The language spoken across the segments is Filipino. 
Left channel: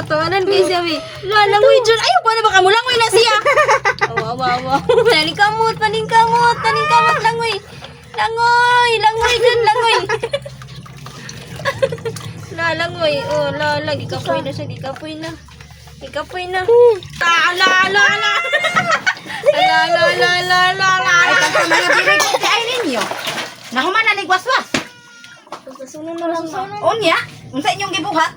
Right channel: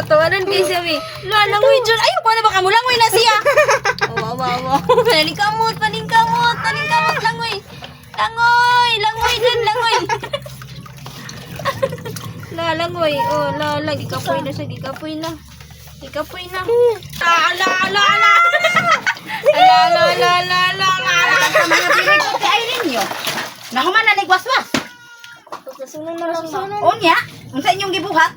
katawanan kay siya, mi. Langoy dyan. Ayaw pa na baka mo, langoy na siya. Awa. Paningkamot, langoy. Langoy dyan, langoy. Langoy. Oh, gikapoy na siya, gikapoy na. Ala. Ay ninyo. Nahuman na nagwaswas. Pagkasunan na lang na. Unya, unsa inyong gibuhat?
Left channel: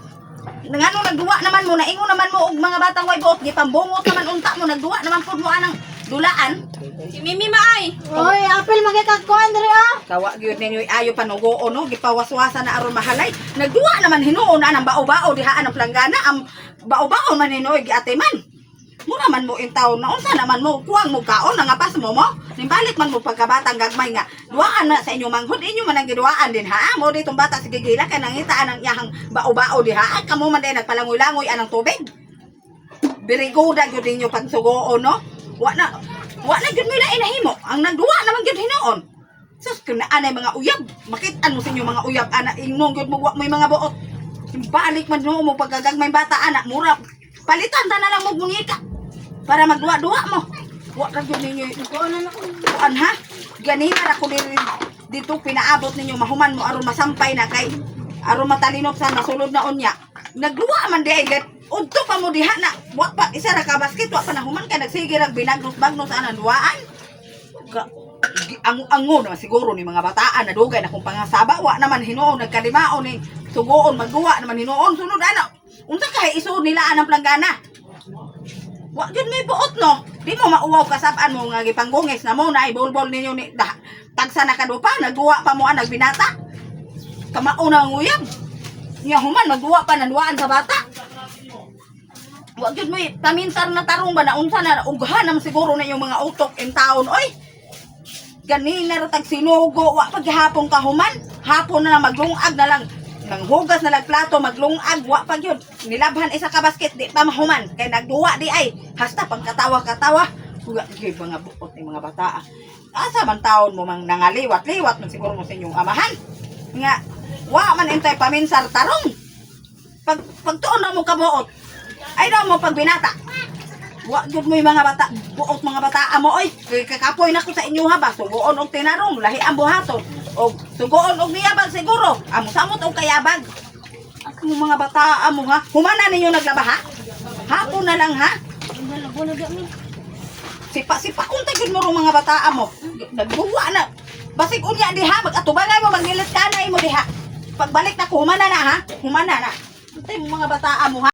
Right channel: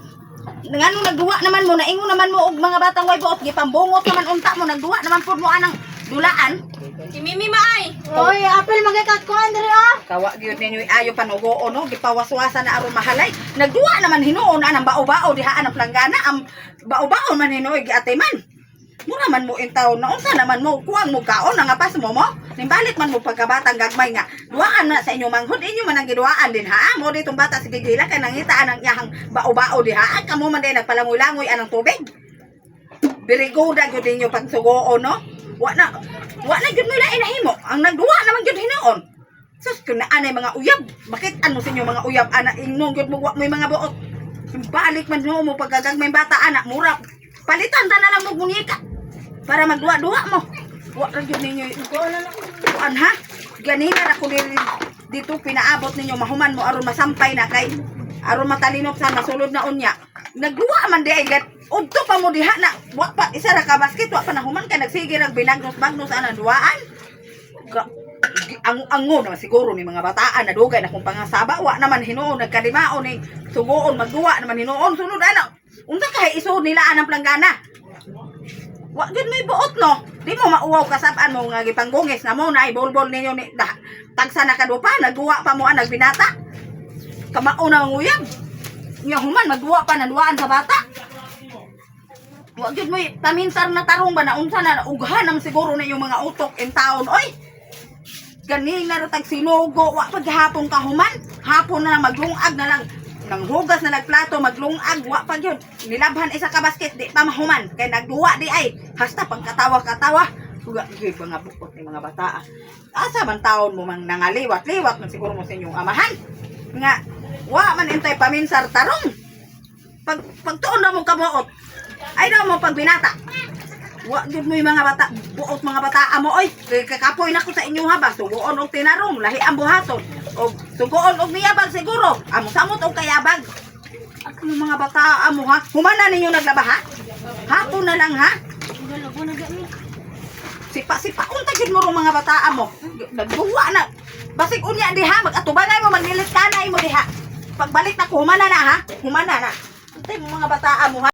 Ngano nagduwa naman mo, naingon naman mo og mga batang way buot, gipambungot naman unta mo, nagduwa naman pud mo anang dulaan. Si Mimi Maay. Oy, apil magkakakuan diri ah. Kawa gyud ninyo ayo panugo no, gipawaswasa na aron mahalay. Nagduwa naman hinuon anang bao-bao diha anang planggana, ang bao-bao man hinuoy giatay man. Mura man mo in taon na unsa naman mo kuang mo kaon nga pas mo. Nimbalik man mo pagkabatang gagmay nga. Duaan na sa inyo manghud inyo man ang giduaan din ha. Mo ditong bata sige gila kay nangitaan ang iyahang bao-bao diha. Kamo man din nagpalangoy-langoy anang tubig. Birigoda gyud ninyo pagsugoon no. Wa na gyud mo ilain nahimo. Ang nagduwa naman gyud hinuon. Sus kun na anay mga uyab. Makit ano sa inyo mga uyab ana ingnon gyud mo wa mo mga buot. Balik man mo pagkagagmay bata anak mura. Palitan ta na lang mo mungika. Para magduwa-duwa mo. Wa ra gyud ninyo kuan ha. Ganina ra ko dito pinaabot ninyo mahuman mo aron masampay na kay aron matalinop sa nasulod na unya. Nagduwa man di ay get udto pa mo diha na wa pa isa ra ka basket wa pa nahuman kay nagsige ra binagnos-bagnos ana duwaan. Angon na siguro ni mga bataan na dugay na kung pangasaba wa naman hinuon nagkalimaon ni sugoon magduwa naman hinuon sunod ana. Unsa kay isud nila anang planggana? Wa gyud may buot no. Di mo mauwaw kasab-an mo nga gipanggungis na mo na ibol-bol ninyo ni tagsa na kadupa nagduwa pa mo anang binata. Kamao na ang uyab. Nya human magduwa pa nanduaan sa bata. Wa gyud mo paminsar na tarong ba na unsa na ughan naman siguro na yung mga utok in taon oy. Ganina ra tag sinugo wa paghapon ka human. Hapon na maglungag na lang. Nang hugas na nagplato maglungag wa pa gyud nilabhan isa ka basket di pa mahuman kay nagduwa di ay hasta pagkatawa-katawa huga gyud mga buot ni mga bata. Asa man taon mo mang nangaliwat-liwat man siguro mo sa inyong amahan nga wa man intay paminsar tarong pagtuon ra mo kabuot ay daw mo pagbinata wa gyud mo yung mga bata buot mga bata mo oy kay kakapoy na ko sa inyo ha ba sugoon og tinarong lahi ang buhaton o sugoon og niyabag siguro amo samot og kayabag ang mga bata mo ha humana ninyo naglaba ha hapon na lang ha Malabo na gami. sipa unta gyud mo rong mga bata mo nagduwa na basig unya diha magatubanay mo mangilit kanay mo diha pagbalik na ko humana na ha humana na antay mo mga bata mo ha